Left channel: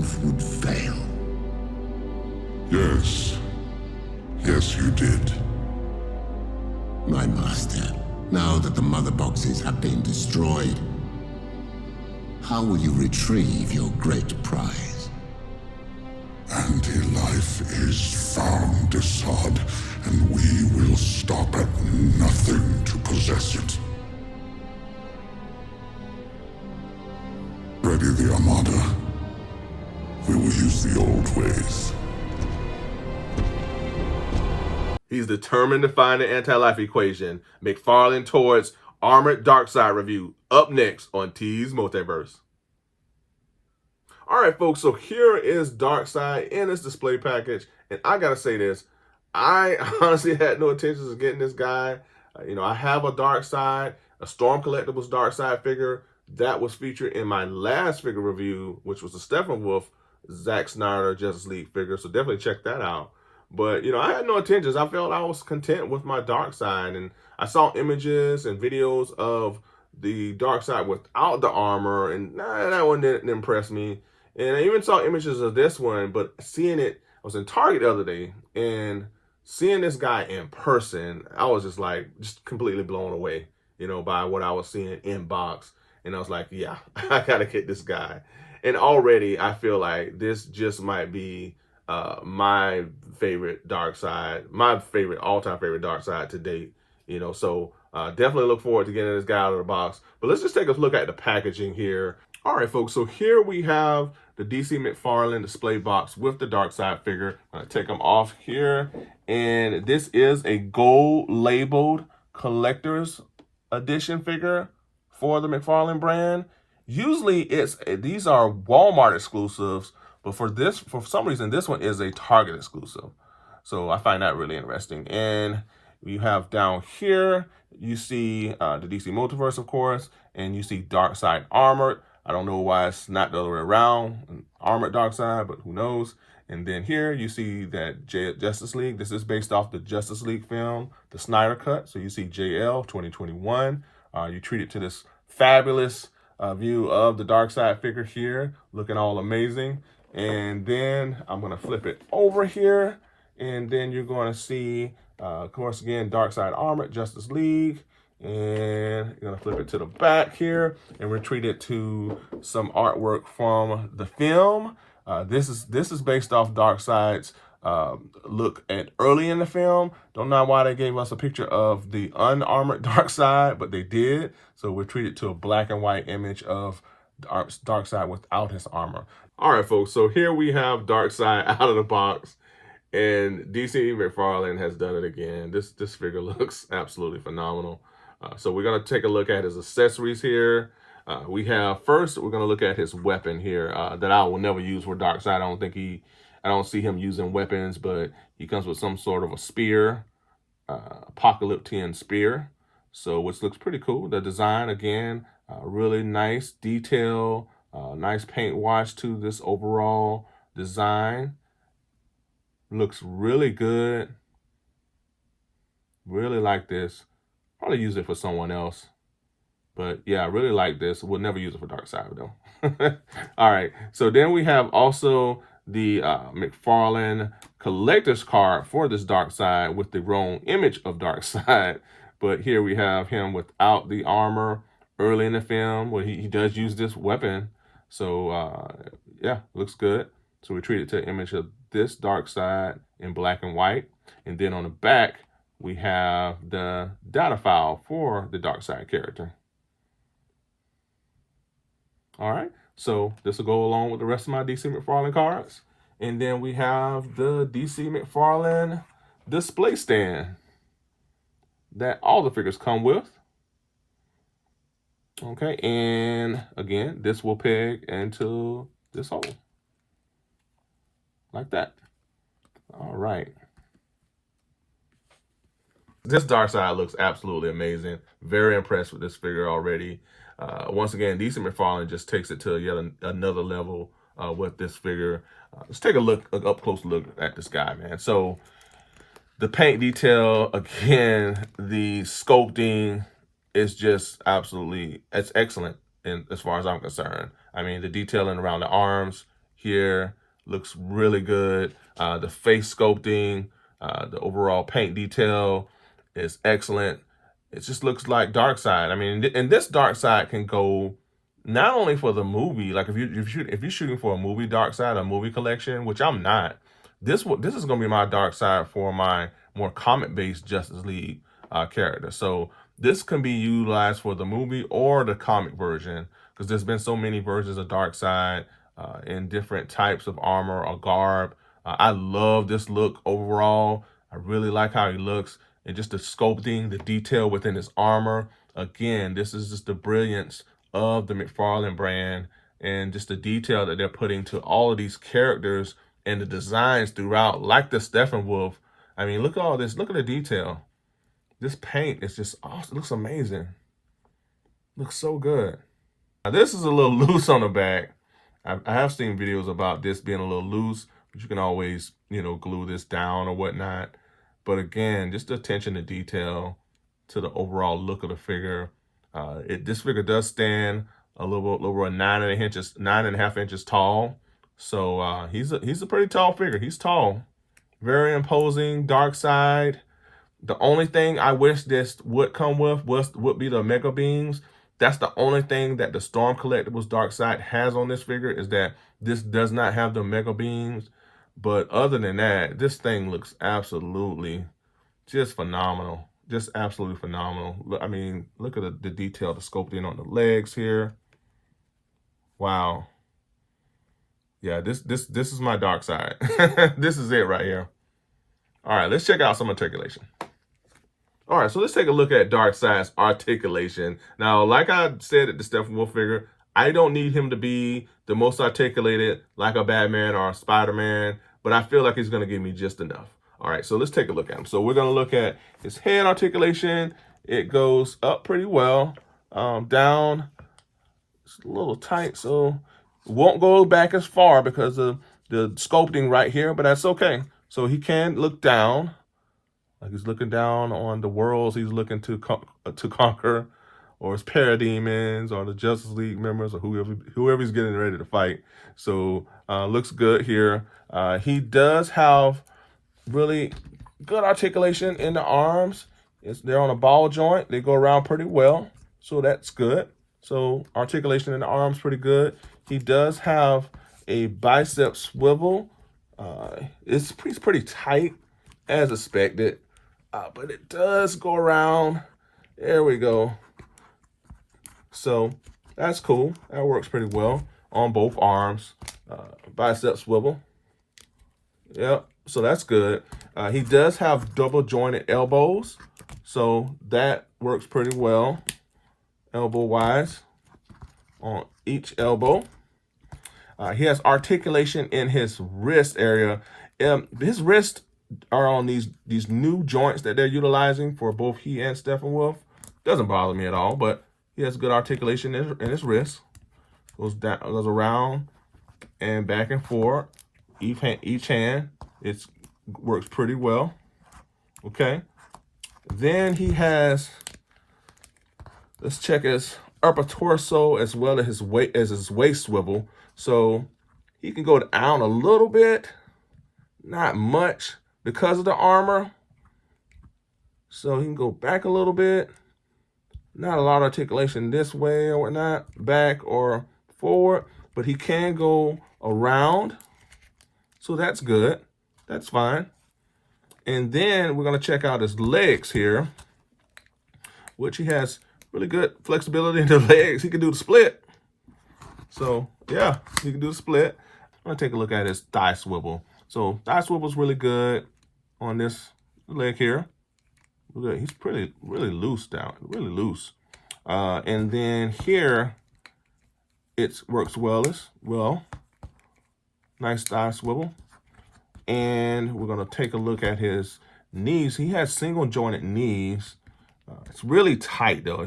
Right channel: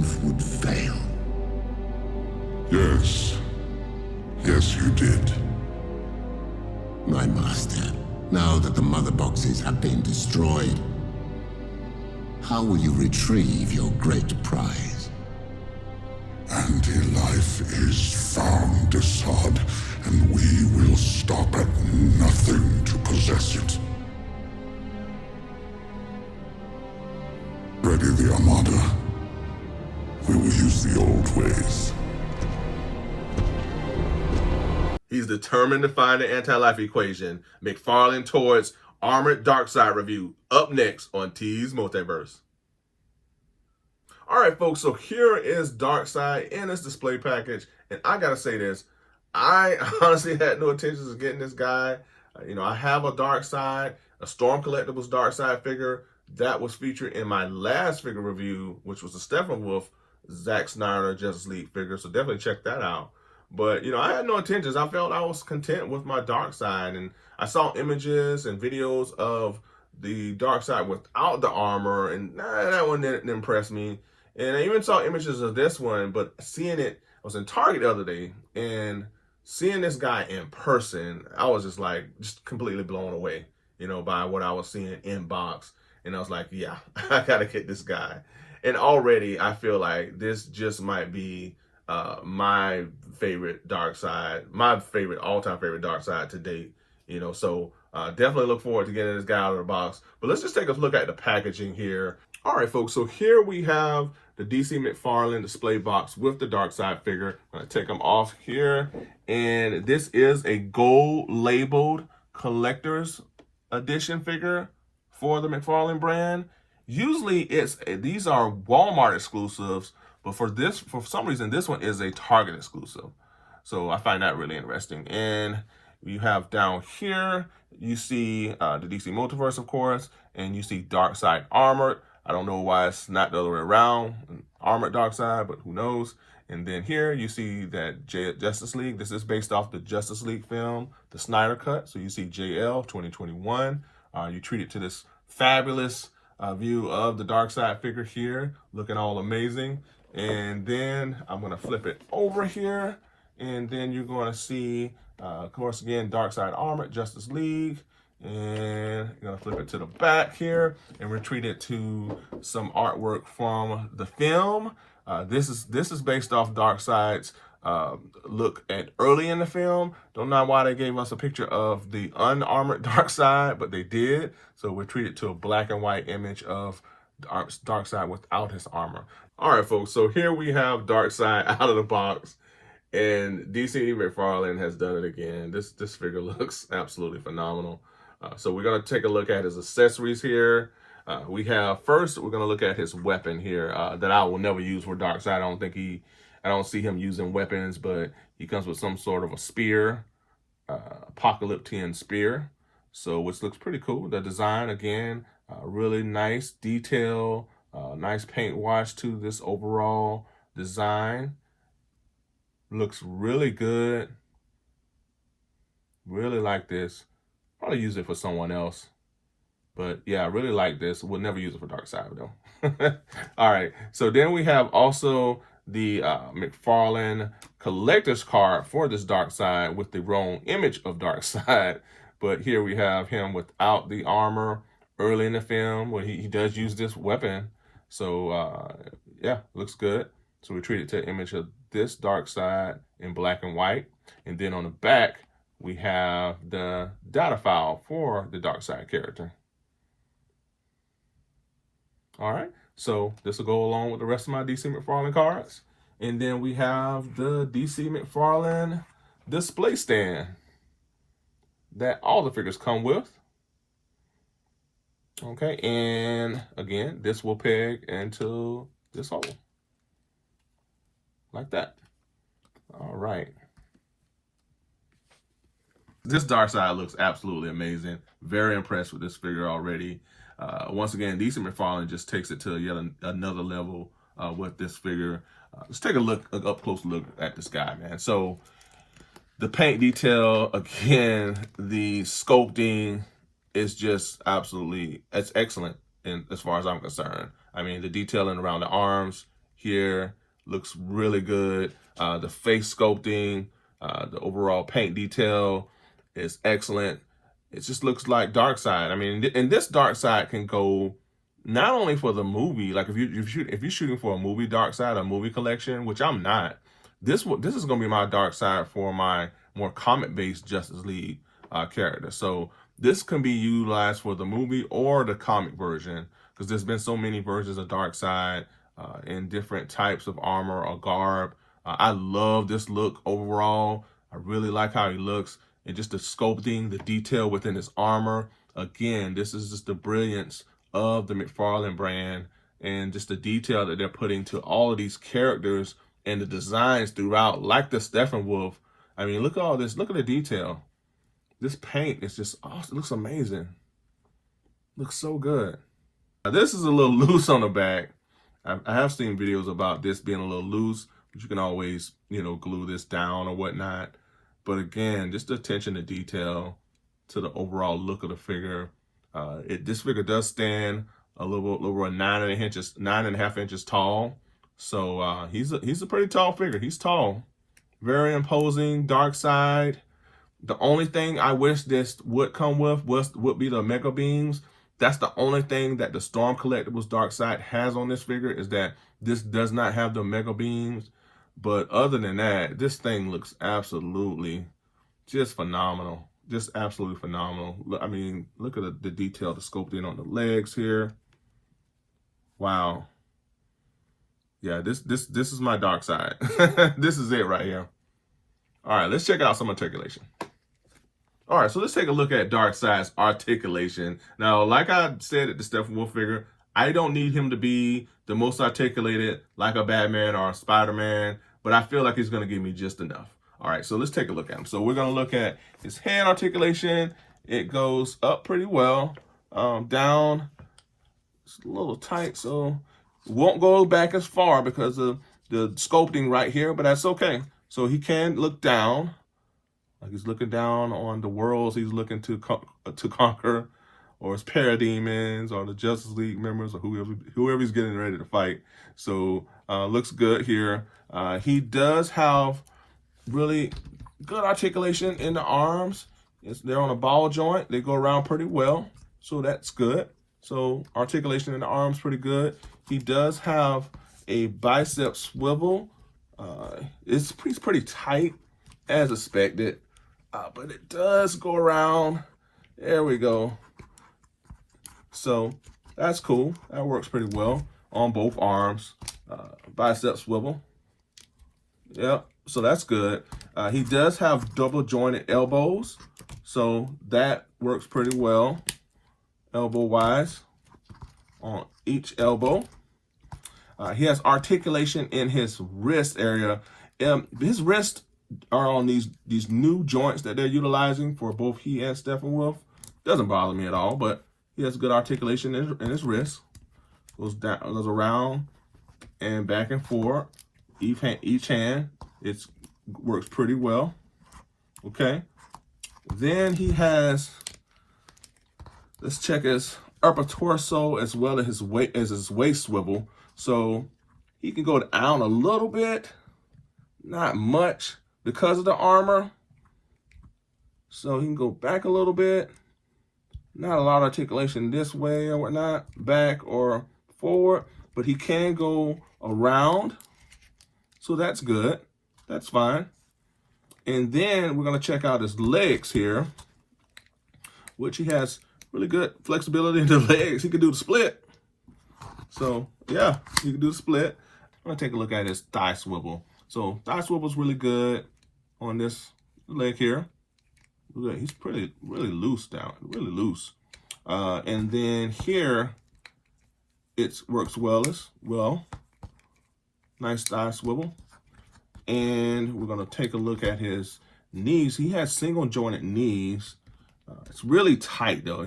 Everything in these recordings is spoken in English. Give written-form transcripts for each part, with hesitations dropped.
oath would fail. Yes. Yes, you did. My master, now that the mother boxes have been destroyed, how will you retrieve your great prize? Anti-life is found, Assad, and we will stop at nothing to possess it. Ready the Armada. We will use the old ways. He's determined to find the anti-life equation. McFarlane towards Armored Darkseid review up next on T's Multiverse. All right, folks, so here is Darkseid in this display package. And I got to say this, I honestly had no intentions of getting this guy. I have a Darkseid, a Storm Collectibles Darkseid figure that was featured in my last figure review, which was the Steppenwolf Zack Snyder Justice League figure. So definitely check that out. But, I had no intentions. I felt I was content with my Darkseid. And I saw images and videos of the Darkseid without the armor. And that one didn't impress me. And I even saw images of this one. But seeing it, I was in Target the other day. And seeing this guy in person, I was just completely blown away, by what I was seeing in box. And I was like, yeah, I got to get this guy. And already I feel like this just might be my favorite Darkseid, my favorite all-time favorite Darkseid to date, so definitely look forward to getting this guy out of the box. But let's just take a look at the packaging here. All right, folks, so here we have the DC McFarlane display box with the Darkseid figure. I'm gonna take them off here, and this is a gold labeled collector's edition figure for the McFarlane brand. Usually these are Walmart exclusives, but for some reason, this one is a Target exclusive. So I find that really interesting. And you have down here, you see the DC Multiverse, of course, and you see Darkseid Armored. I don't know why it's not the other way around, Armored Darkseid, but who knows. And then here you see that Justice League. This is based off the Justice League film, the Snyder Cut. So you see JL 2021. You treat it to this fabulous view of the Darkseid figure here, looking all amazing. And then I'm going to flip it over here, and then you're going to see, of course, again, Darkseid Armored, Justice League, and you're going to flip it to the back here, and retreat it to some artwork from the film. This is based off Darkseid's look at early in the film. Don't know why they gave us a picture of the unarmored Darkseid, but they did. So we treated to a black and white image of Darkseid without his armor. All right, folks, so here we have Darkseid out of the box, and DC McFarlane has done it again. This figure looks absolutely phenomenal. So we're going to take a look at his accessories here. We're going to look at his weapon here that I will never use for Darkseid. I don't see him using weapons, but he comes with some sort of a spear, apocalyptic spear, so which looks pretty cool. The design, again, really nice detail, nice paint wash to this overall design. Looks really good. Really like this. Probably use it for someone else. But yeah, I really like this. We'll never use it for Darkseid though. All right. So then we have also the McFarlane collector's card for this Darkseid with the wrong image of Darkseid. But here we have him without the armor early in the film where he does use this weapon. So yeah, looks good. So we treat it to an image of this Darkseid in black and white. And then on the back, we have the data file for the Darkseid character. All right, so this will go along with the rest of my DC McFarlane cards. And then we have the DC McFarlane display stand that all the figures come with. Okay, and again, this will peg into this hole. Like that. All right. This Darkseid looks absolutely amazing. Very impressed with this figure already. Once again, DC McFarlane just takes it to yet another level with this figure. Let's take a up close look at this guy, man. So the paint detail, again, the sculpting is just absolutely, it's excellent as far as I'm concerned. I mean, the detailing around the arms, here looks really good. The face sculpting, the overall paint detail is excellent. It just looks like Darkseid. I mean, and this Darkseid can go not only for the movie, like if you're shooting for a movie Darkseid, a movie collection, which I'm not. This is going to be my Darkseid for my more comic-based Justice League character. So this can be utilized for the movie or the comic version, because there's been so many versions of Darkseid in different types of armor or garb. I love this look overall. I really like how he looks, and just the sculpting, the detail within his armor. Again, this is just the brilliance of the McFarlane brand, and just the detail that they're putting to all of these characters and the designs throughout, like the Steppenwolf. I mean, look at all this. Look at the detail. This paint is just awesome. It looks amazing. Looks so good. Now, this is a little loose on the back. I have seen videos about this being a little loose, but you can always, glue this down or whatnot. But again, just the attention to detail to the overall look of the figure. This figure does stand a little over 9.5 inches tall. So he's a pretty tall figure. He's tall, very imposing. Darkseid. The only thing I wish this would come with would be the Mega Beams. That's the only thing that the Storm Collectibles Darkseid has on this figure, is that this does not have the Mega Beams. But other than that, this thing looks absolutely just phenomenal. Just absolutely phenomenal. I mean, look at the detail, the sculpting on the legs here. Wow. Yeah, this is my Darkseid. This is it right here. All right, let's check out some articulation. All right, so let's take a look at Darkseid's articulation. Now, like I said at the Steppenwolf figure, I don't need him to be the most articulated like a Batman or a Spider-Man, but I feel like he's going to give me just enough. All right, so let's take a look at him. So we're going to look at his head articulation. It goes up pretty well. Down, it's a little tight, so it won't go back as far because of the sculpting right here, but that's okay. So he can look down, like he's looking down on the worlds he's looking to conquer, or his parademons, or the Justice League members, or whoever he's getting ready to fight. So looks good here. He does have really good articulation in the arms. They're on a ball joint. They go around pretty well, so that's good. So articulation in the arms pretty good. He does have a bicep swivel. He's pretty tight as expected, but it does go around. There we go. So that's cool. That works pretty well on both arms. Bicep swivel. Yep. So that's good. He does have double jointed elbows, so that works pretty well elbow wise on each elbow. He has articulation in his wrist area. His wrists are on these new joints that they're utilizing for both he and Steppenwolf. Doesn't bother me at all, but he has good articulation in his wrist. Goes around and back and forth. Each hand, it works pretty well. Okay. Then he has, let's check his upper torso as well as his waist swivel. So he can go down a little bit, not much because of the armor. So he can go back a little bit. Not a lot of articulation this way or whatnot, back or forward, but he can go around. So that's good. That's fine. And then we're going to check out his legs here, which he has really good flexibility in the legs. He can do the split. So yeah, he can do the split. I'm going to take a look at his thigh swivel. So thigh swivel is really good on this leg here. He's really loose down, really loose. And then here, it works well as well. Nice thigh swivel. And we're going to take a look at his knees. He has single jointed knees. It's really tight though,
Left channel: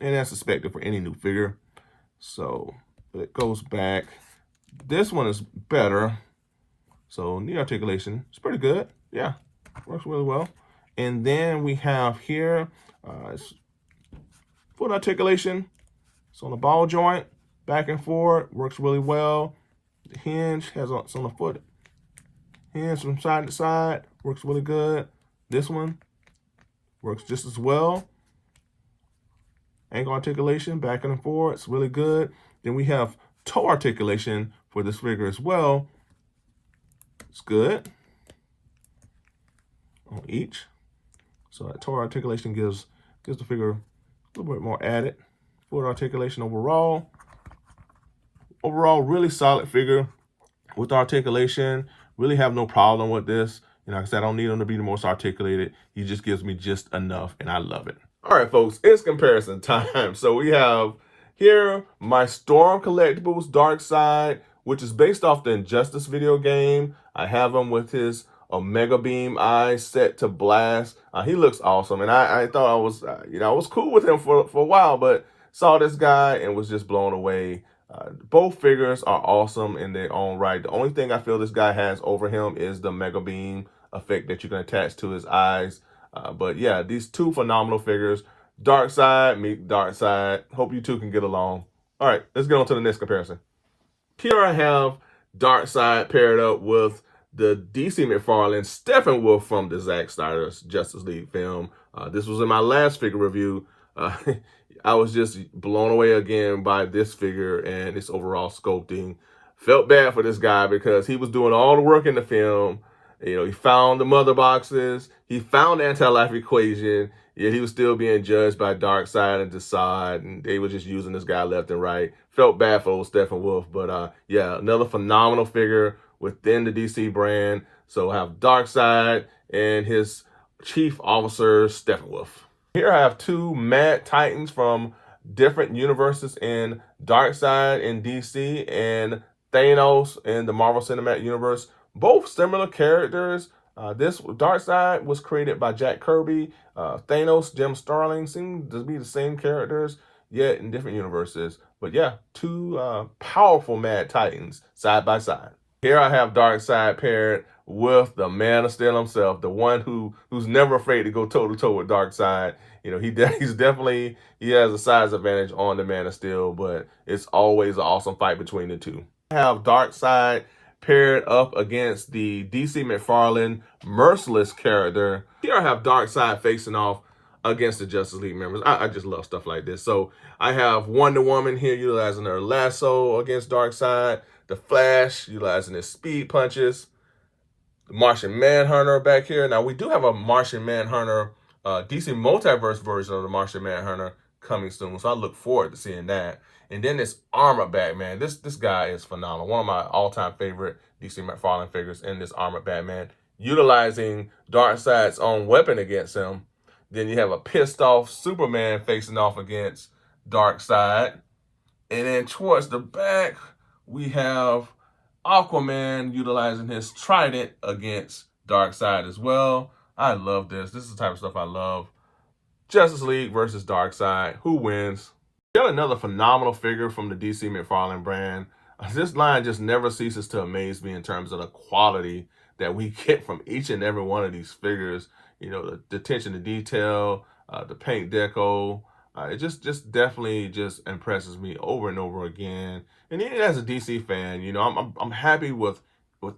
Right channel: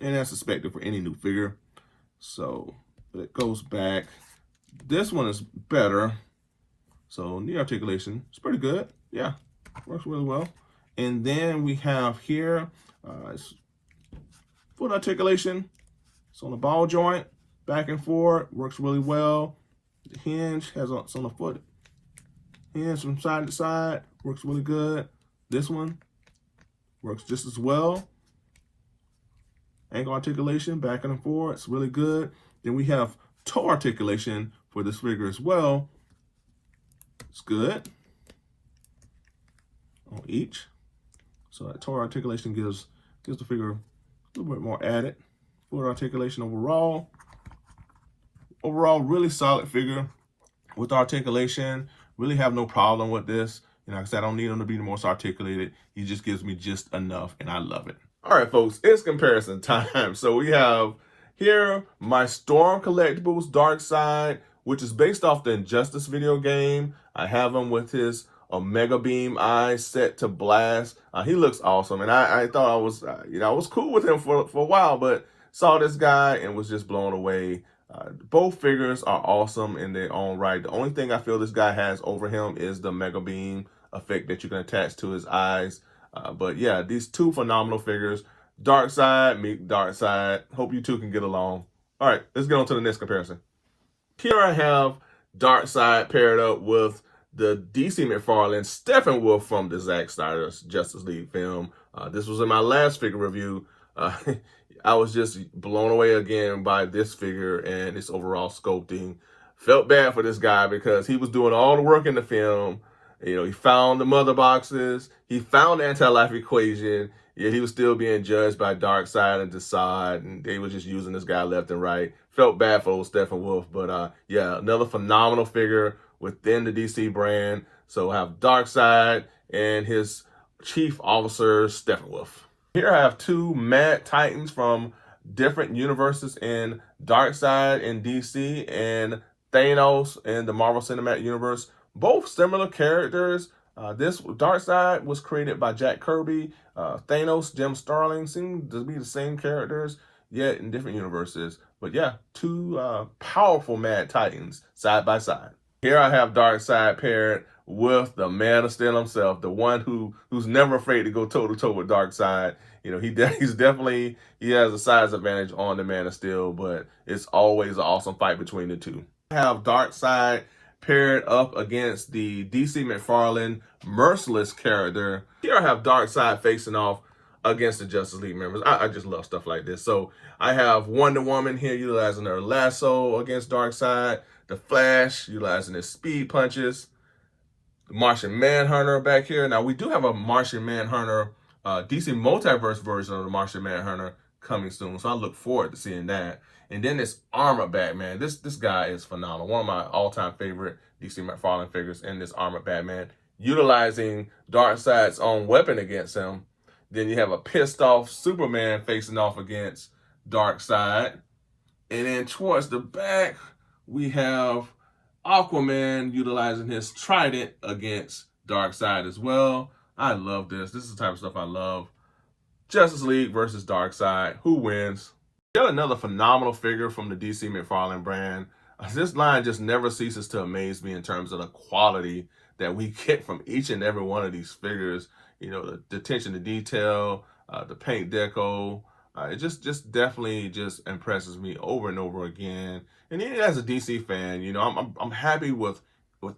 and that's expected for any new figure. So it goes back. This one is better. So knee articulation is pretty good. Yeah, works really well. And then we have here foot articulation. It's on the ball joint, back and forth, works really well. The hinge has it's on the foot. Hinge from side to side, works really good. This one works just as well. Ankle articulation, back and forth, it's really good. Then we have toe articulation for this figure as well. It's good on each. So that toe articulation gives the figure a little bit more added. Foot articulation overall. Overall, really solid figure with articulation. Really have no problem with this. You know, like I said, I don't need him to be the most articulated. He just gives me just enough, and I love it. All right, folks, it's comparison time. So we have here my Storm Collectibles Darkseid, which is based off the Injustice video game. I have him with his Omega Beam eyes set to blast. He looks awesome, and I thought I was, I was cool with him for a while, but saw this guy and was just blown away. Both figures are awesome in their own right. The only thing I feel this guy has over him is the Mega Beam effect that you can attach to his eyes. But yeah, these two phenomenal figures. Darkseid, meet Darkseid. Hope you two can get along. All right, let's get on to the next comparison. Here I have Darkseid paired up with the DC McFarlane Steppenwolf from the Zack Snyder's Justice League film. This was in my last figure review. I was just blown away again by this figure and its overall sculpting. Felt bad for this guy because he was doing all the work in the film. You know, he found the mother boxes. He found the anti-life equation. Yet he was still being judged by Darkseid and Darkseid, and they were just using this guy left and right. Felt bad for old Steppenwolf, but yeah, another phenomenal figure within the DC brand. So I have Darkseid and his chief officer, Steppenwolf. Here I have two Mad Titans from different universes in Darkseid in DC and Thanos in the Marvel Cinematic Universe. Both similar characters. This Darkseid was created by Jack Kirby. Thanos, Jim Starlin seem to be the same characters, yet in different universes. But yeah, two powerful Mad Titans side by side. Here I have Darkseid paired with the Man of Steel himself, the one who's never afraid to go toe to toe with Darkseid. You know, he has a size advantage on the Man of Steel, but it's always an awesome fight between the two. I have Darkseid paired up against the DC McFarlane Merciless character. Here I have Darkseid facing off against the Justice League members. I just love stuff like this. So I have Wonder Woman here utilizing her lasso against Darkseid. The Flash utilizing his speed punches. The Martian Manhunter back here. Now we do have a Martian Manhunter, DC Multiverse version of the Martian Manhunter coming soon. So I look forward to seeing that. And then this Armored Batman. This guy is phenomenal. One of my all-time favorite DC McFarlane figures in this Armored Batman, utilizing Darkseid's own weapon against him. Then you have a pissed off Superman facing off against Darkseid. And then towards the back, we have Aquaman utilizing his trident against Darkseid as well. I love this. This is the type of stuff I love. Justice League versus Darkseid. Who wins? Got another phenomenal figure from the DC McFarlane brand. This line just never ceases to amaze me in terms of the quality that we get from each and every one of these figures. You know, the attention to detail, the paint deco. It just definitely just impresses me over and over again. And even as a DC fan, you know, I'm happy with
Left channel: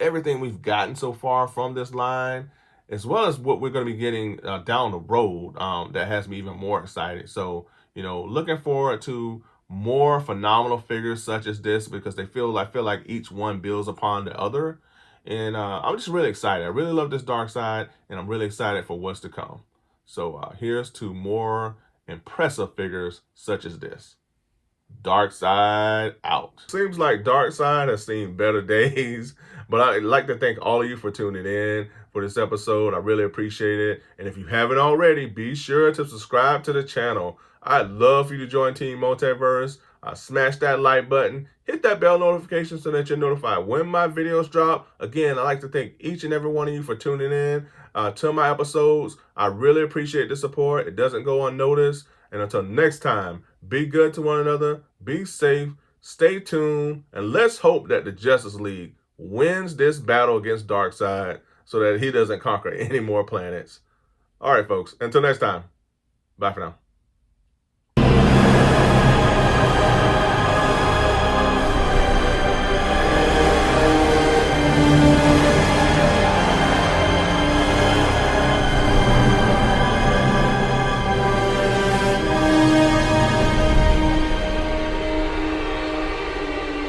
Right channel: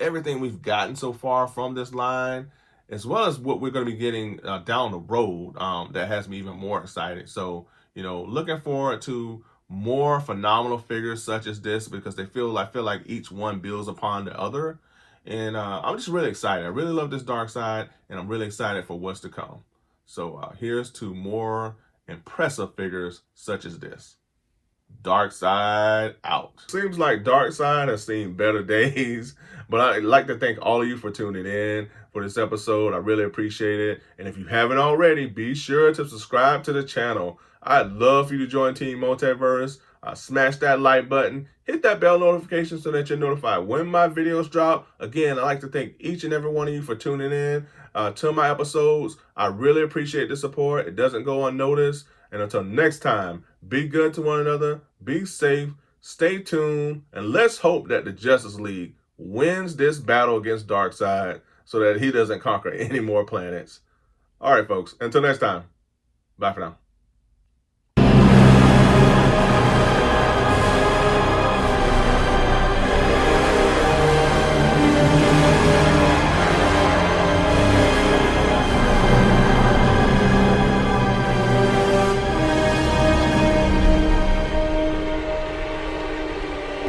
everything we've gotten so far from this line, as well as what we're going to be getting down the road. That has me even more excited. So, you know, looking forward to more phenomenal figures such as this, because I feel like each one builds upon the other. And I'm just really excited. I really love this Darkseid, and I'm really excited for what's to come. So here's to more impressive figures such as this. Darkseid out. Seems like Darkseid has seen better days, but I'd like to thank all of you for tuning in for this episode. I really appreciate it. And if you haven't already, be sure to subscribe to the channel. I'd love for you to join Team Multiverse. Smash that like button, hit that bell notification so that you're notified when my videos drop. Again, I'd like to thank each and every one of you for tuning in to my episodes. I really appreciate the support. It doesn't go unnoticed. And until next time, be good to one another, be safe, stay tuned, and let's hope that the Justice League wins this battle against Darkseid so that he doesn't conquer any more planets. All right, folks, until next time, bye for now.